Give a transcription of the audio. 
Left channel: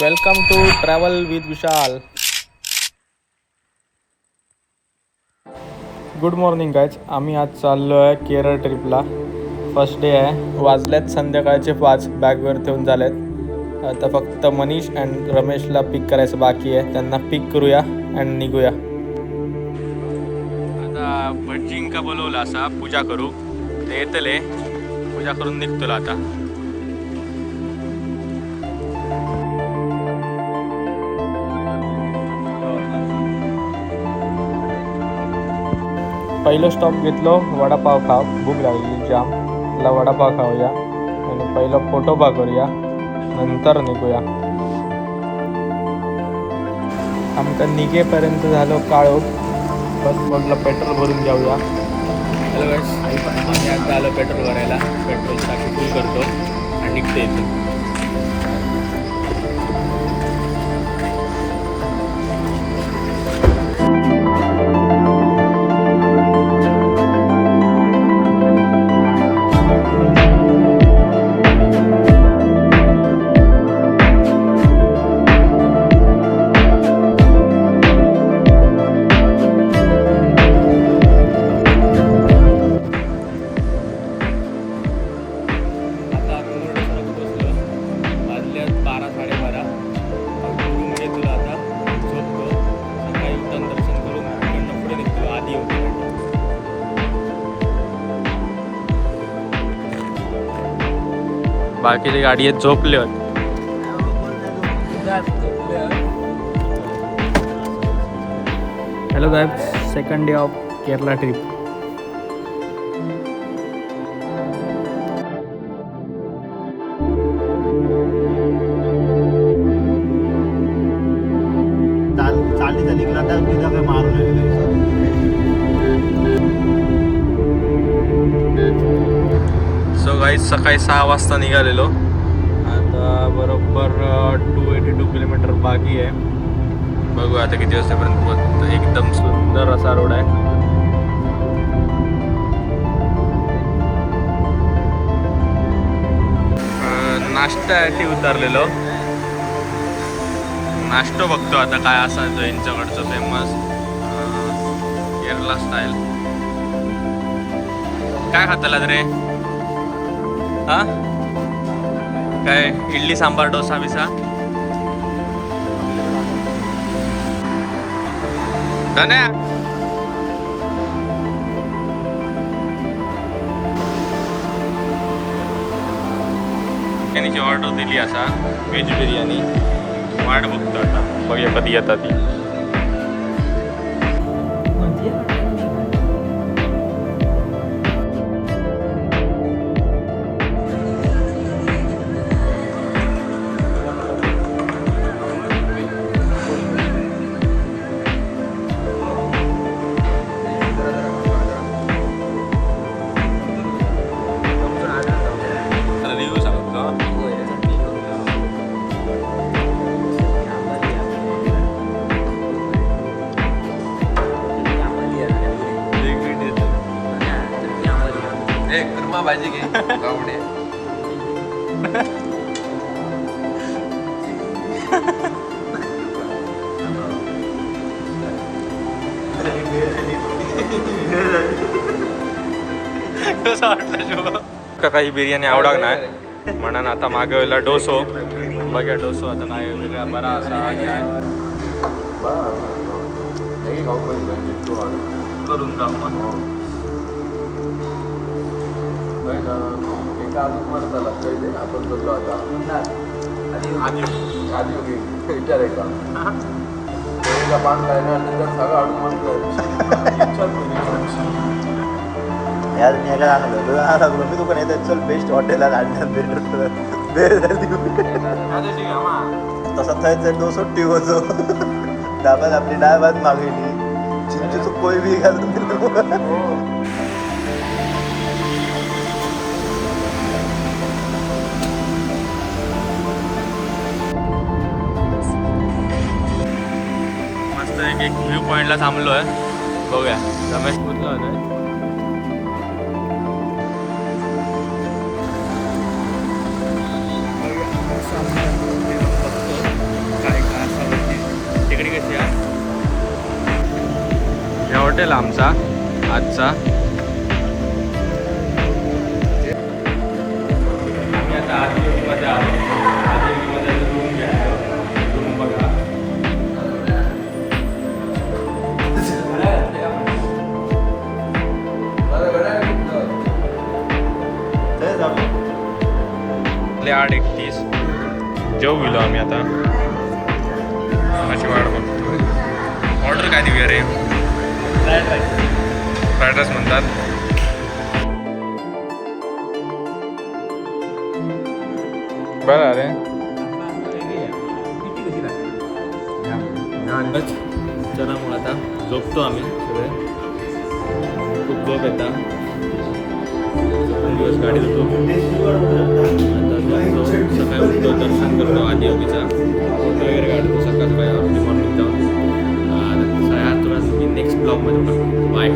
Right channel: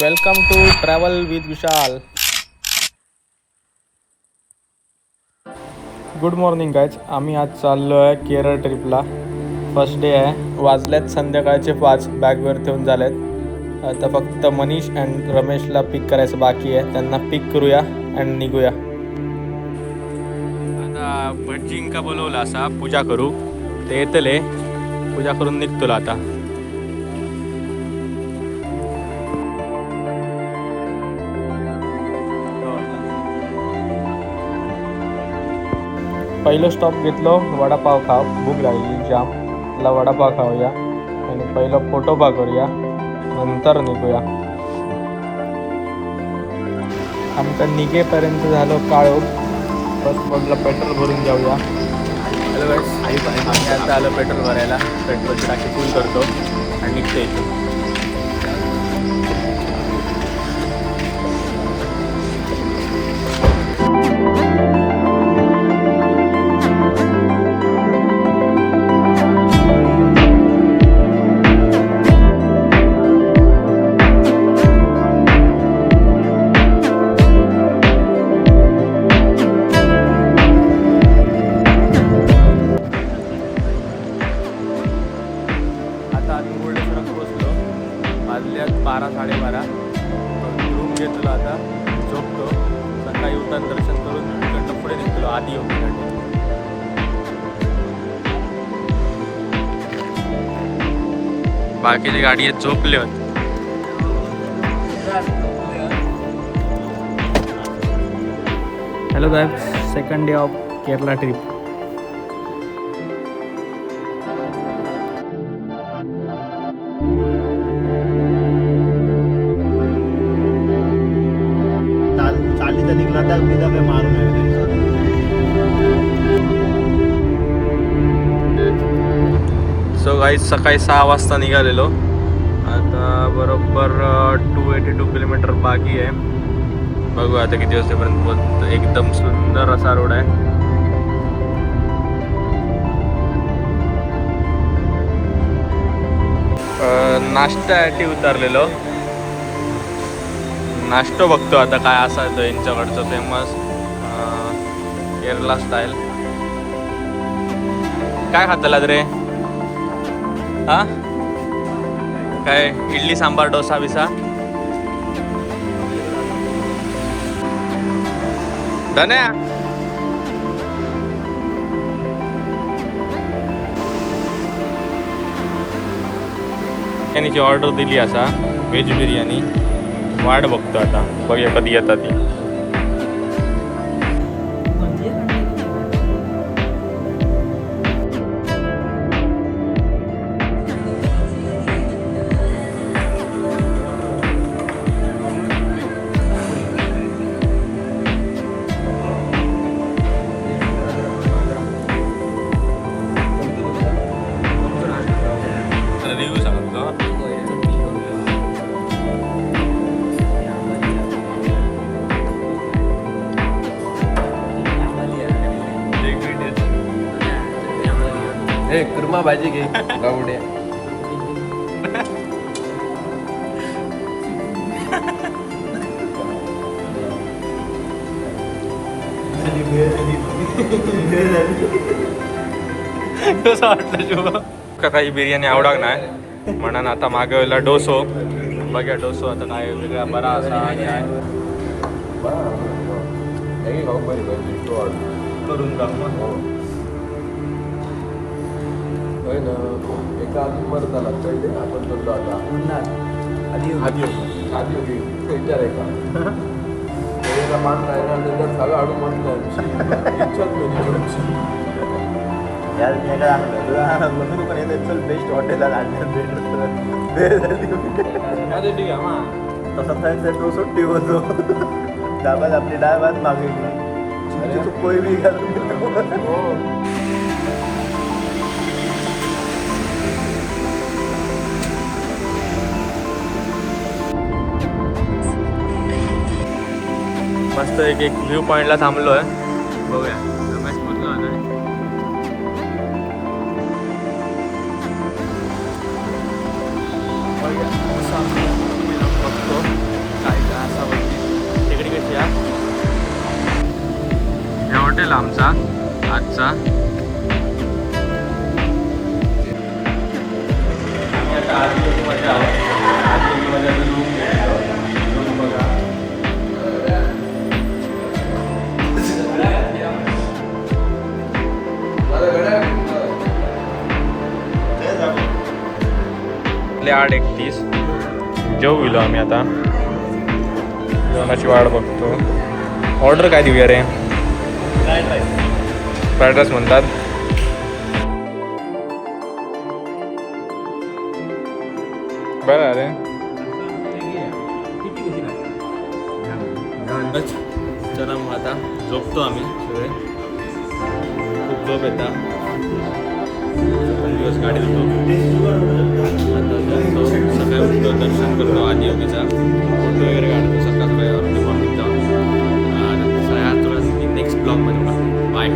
Welcome to travel with Vishal. Good morning guys. आम्ही आज चाललो आहे केरळ ट्रिपला. फर्स्ट डे आहे. वाजल्यात संध्याकाळचे 5. बॅगवर ठेवून झालेत. आता फक्त मनीष अँड रमेशला पिक करायचं बाकी आहे. त्यांना पिक करूया अँड निघूया. आता भटजींका बोलवलं असा पूजा करू. ते येतले पूजा करून निघतो आता. पहिलं स्टॉप घेतलो वडापाव खाव. भूक लागली जाम. त्याला वडापाव खाऊया आणि पहिलं पोटोबा करूया, नंतर निघूया. आमका निघेपर्यंत झालो काळो. बस म्हटलं पेट्रोल भरून जाऊया. हॅलो गाईस, आम्ही आता आलो पेट्रोल भरायला. पेट्रोलची टाकी फुल करतो आणि निघतो इथून. रूम घेतलो आता. झोपतो. सकाळी उठून दर्शन करून इकडनं पुढे निघतो आधी योगीकडे. बाकीचे गाडी झोपले होते. Hello guys, second day of Kerala trip. So guys, सकाळी 6 वाजता निघालेलो. आता बरोबर 282 किलोमीटर बाकी आहे. बघू आता किती वाजतापर्यंत. एकदम सुंदर असा रोड आहे. नाश्त्यासाठी उतरलेलो. नाश्तो बघतो आता काय असायचं यांच्याकडचं फेमस केरला स्टाईल. काय खातलात रे? हा काय इडली सांबार डोसा बिसा? धन्या बिर्याणीची ऑर्डर दिली असा. व्हेज बिर्याणी. वाट बघतो आता, बघूया कधी येतात ती. कुर्मा भाजी घे गावडे. कसं वाटलं शुभ? काही बिर्याणी आवडत नाही म्हणून आता मागवला डोसो. बघा डोसो आता काय वेगळा बरा असा काय करून जाऊ. एका अजून मरत आला काही आपण बदलो आता आधी विचार आहे का बांधलाय ना त्याच्यात सगळं आडून बेस्ट हॉटेल तसं जायचं तो सुट्टी होतो. डाबात आपली डाळ भात मागवली. चिंचेचं पोळी बी घालून. मस्त एक व्ह्यू पॉईंटला थांबलो आहे. बघूया. रमेश पुतलो आहे. बघूया बघतो. संपेल आमचा आजचा. आम्ही आता आदियोगीमध्ये आहोत. आदियोगीमध्ये रूम घेतलो. रूम बघा. आपले 8:31 जेवू गेलो आम्ही आता. जेवणाची वाट बघतो. ऑर्डर काय देऊया रे? फ्राईड राईस म्हणतात. बरं अरे चला मग आता झोपतो आम्ही सगळे. खूप झोप येतात. दिवस गाडीत होतो. आता झोपतो. सकाळी उठतो, दर्शन करतो आदियोगीचा. फोटो वगैरे काढतो सकाळ सकाळी अर्ली मॉर्निंग जाऊन. नेक्स्ट ब्लॉगमध्ये बघा. बाय.